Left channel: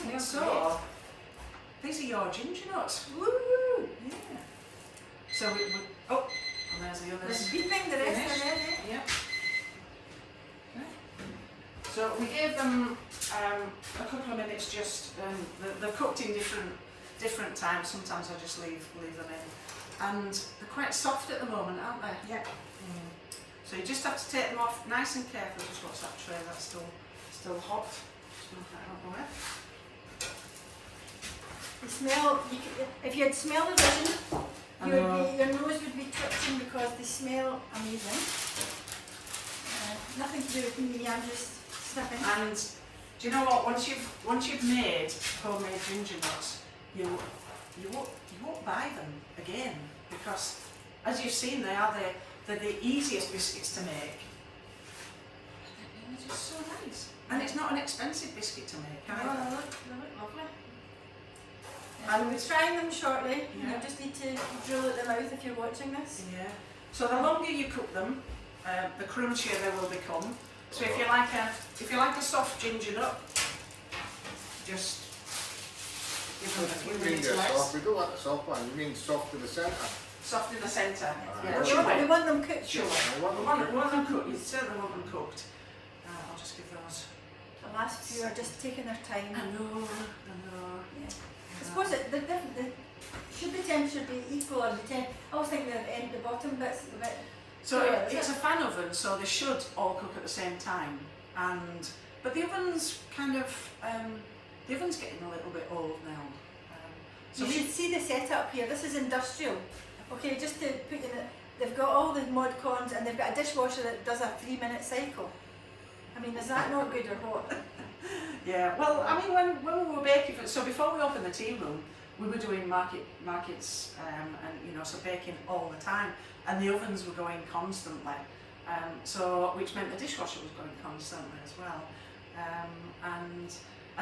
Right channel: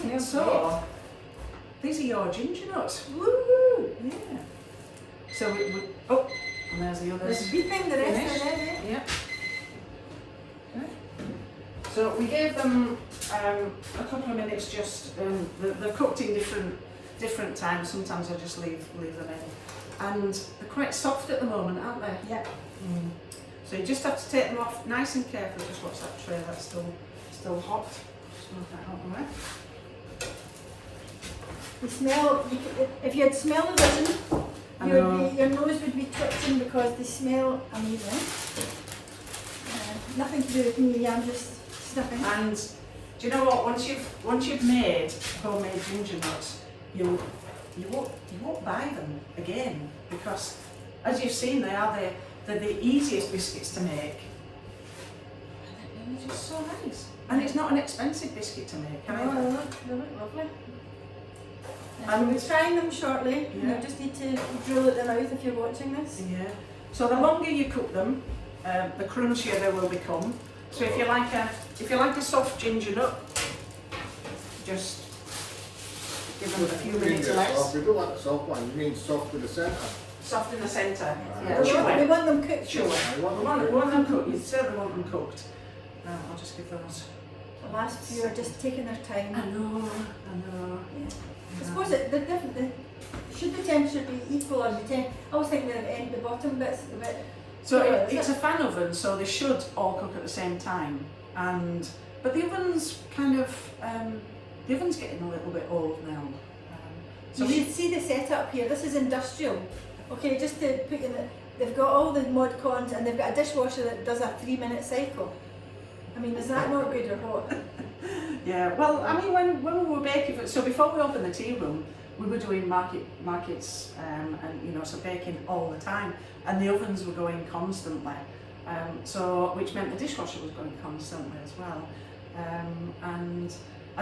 So, these are your Gingernuts. Woo! Yeah. So oh, and there's the others. There's beeping, the rest are there. Yeah. So we gave them a couple of minutes. Just they're cooked in different times. Sometimes I just leave them in, and they're quite soft at the moment, aren't they? Yeah. So you just have to take them off nice and carefully. Just watch that tray, that's still hot. Just move that out of the way. The smell, if you had smell the vision, your nose would be twitching because they smell amazing. Nothing to do with me, I'm just sniffing. And do you know what? Once you've made homemade Gingernuts, you won't buy them again, because as you've seen, they're the easiest biscuits to make. And they're just so nice. And it's not an expensive biscuit to make either. Oh, they look lovely. And we'll be trying them shortly. Yeah. You just need to drill at the mouth if you're watching this. Yeah. So the longer you cook them, the crunchier they will become. So if you like a soft ginger nut, just give them a few minutes less. We don't want the soft one. You mean soft in the centre? Soft in the centre. We want them cooked. Sure. We want them cooked. You certainly want them cooked. I'll just give those. The last few are just taking their time. I know. Yeah. I suppose should the temperature be equal, or I was thinking the bottom bit's a bit. So it's a fan oven, so they should all cook at the same time. But the oven's the oven's getting a little bit old now. So you should see the setup here. This is industrial. Okay, just to put in it, they've got all the mod cons and they've got a dishwasher that does a 3-minute cycle. I mean, is that not good or what? Yeah, well, I mean, when we were baking, so before we opened the tea room, we were doing markets and so baking all the time, and the ovens were going constantly, so which meant the dishwasher was going constantly as well, and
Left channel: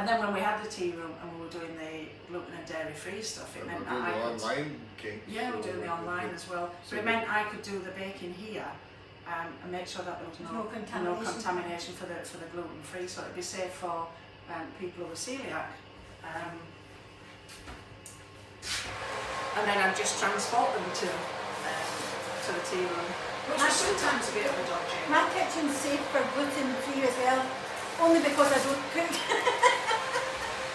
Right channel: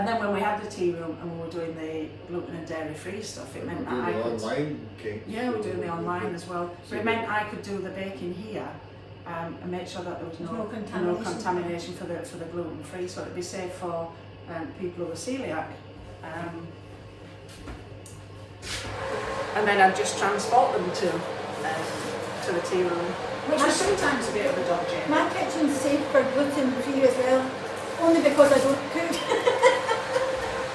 then when we had the tea room and we were doing the gluten and dairy free stuff, it meant that I could online cakes. Yeah, we're doing the online as well, so it meant I could do the baking here. And make sure that there was no contamination for the gluten free, so it'd be safe for people who are celiac. And then I'd just transport them to the tea room, which was sometimes a bit of a dodgy. My kitchen's safe for gluten free as well, only because I don't cook.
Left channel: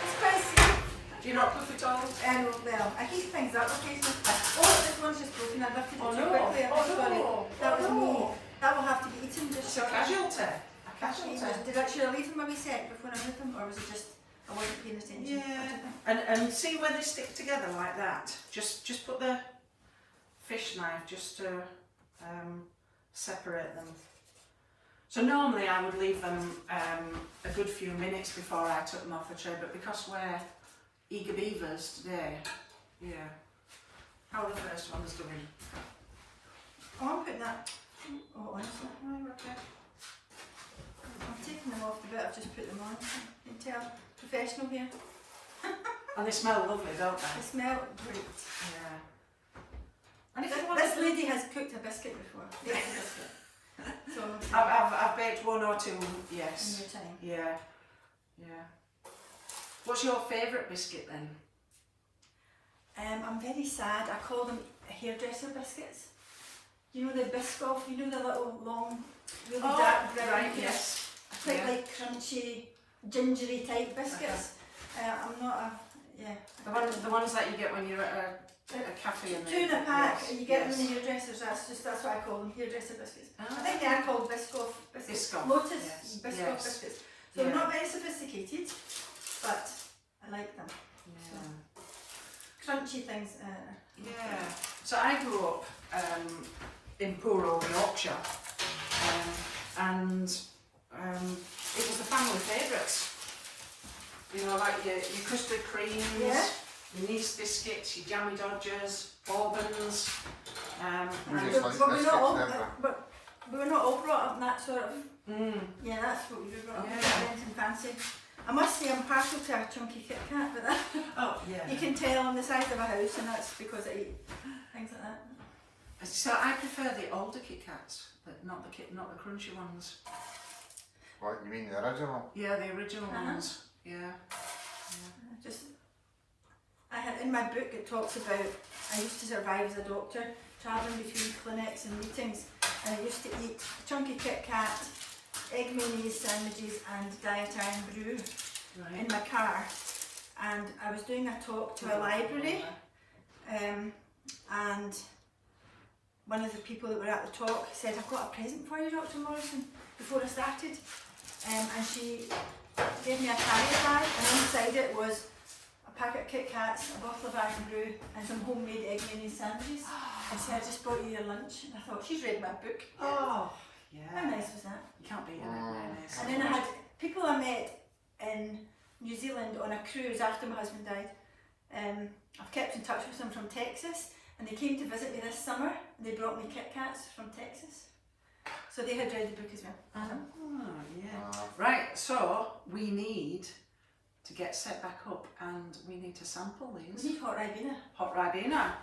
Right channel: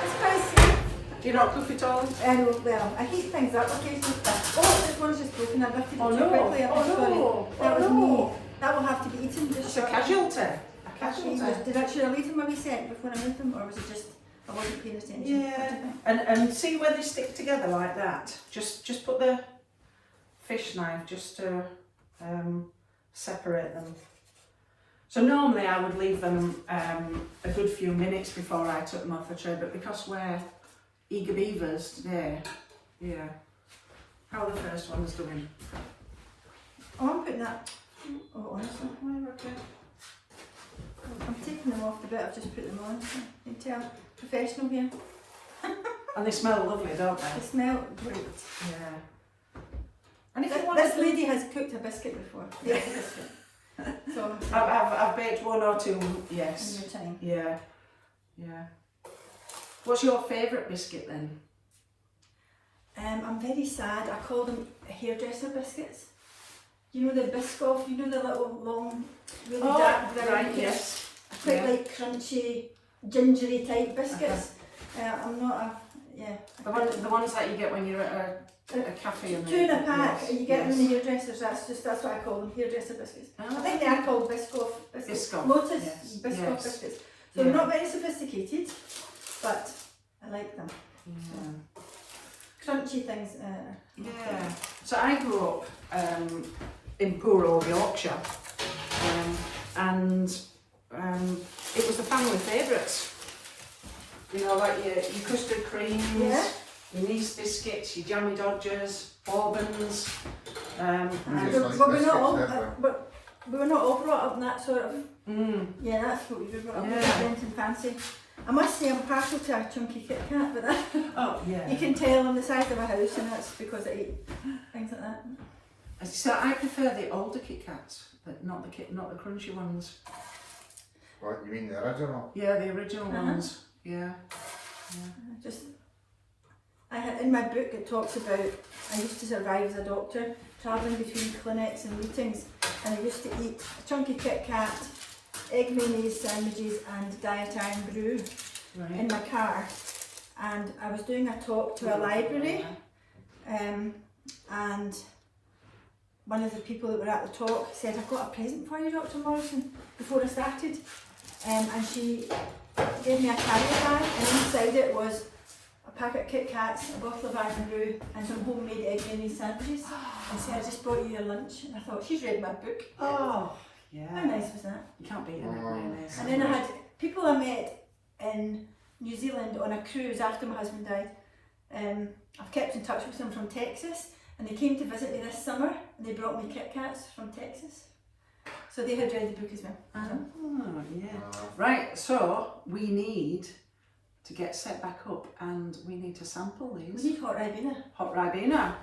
It's quite safe. Do you not cook at all? Well, I heat things up occasionally. Oh, this one's just broken. I've lifted it too quickly. I'm sorry. That was me. That will have to be eaten just shortly. A casualty. Should I leave them a wee sec before I move them, or was it just I wasn't paying attention? Yeah. And see where they stick together like that. Just put the fish knife just to separate them. So normally I would leave them a good few minutes before I took them off the tray, but because we're eager beavers today, yeah. How are the first ones doing? Oh, I'm putting that. Oh, honestly, Okay. I'm taking them off the bit. I've just put them on. You can tell, professional here. And they smell lovely, don't they? They smell great. Yeah. And if This lady has cooked a biscuit before. Yeah, a biscuit. So I've baked one or two, yes. in your time. Yeah. Yeah. What's your favourite biscuit then? I'm very sad. I call them hairdresser biscuits. You know the Biscoff, you know the little long, really dark brown. Right, yes. I quite like crunchy, gingery type biscuits. I'm not a, The ones that you get when you're at a cafe. Two in a pack, and you get them in the hairdressers. That's what I call them, hairdresser biscuits. I think they are called Biscoff biscuits. Biscoff, Lotus yes. Biscoff biscuits. So they're not very sophisticated, but I like them. Yeah. So, crunchy things. Yeah. So I grew up in poor old Yorkshire, and it was the family favourites. You know, like your custard creams, your nice biscuits, your jammy dodgers, bourbons. But we're not all brought up in that sort of. Yeah, that's what we were brought up in. Anything fancy. I must say I'm partial to a chunky Kit Kat, but that, you can tell on the size of a house, and that's because I eat things like that. So I prefer the older Kit Kats, but not the crunchy ones. What, you mean the original? Yeah, the original ones. Yeah. in my book it talks about I used to survive as a doctor, travelling between clinics and meetings, and I used to eat a chunky Kit Kat, egg mayonnaise sandwiches and diet iron brew in my car. And I was doing a talk to a library, and one of the people that were at the talk said, "I've got a present for you, Dr. Morrison," before I started. And she gave me a carrier bag, and inside it was a packet of Kit Kats, a bottle of iron brew, and some homemade egg mayonnaise sandwiches. And said, "I just brought you your lunch." And I thought, she's read my book. Oh, yeah. How nice was that? You can't beat an egg mayonnaise. And then I had people I met in New Zealand on a cruise after my husband died. I've kept in touch with them from Texas, and they came to visit me this summer, and they brought me Kit Kats from Texas. So they had read the book as well. Oh, yeah. Right, so we need to get set back up, and we need to sample these. We need hot Ribena. Hot Ribena.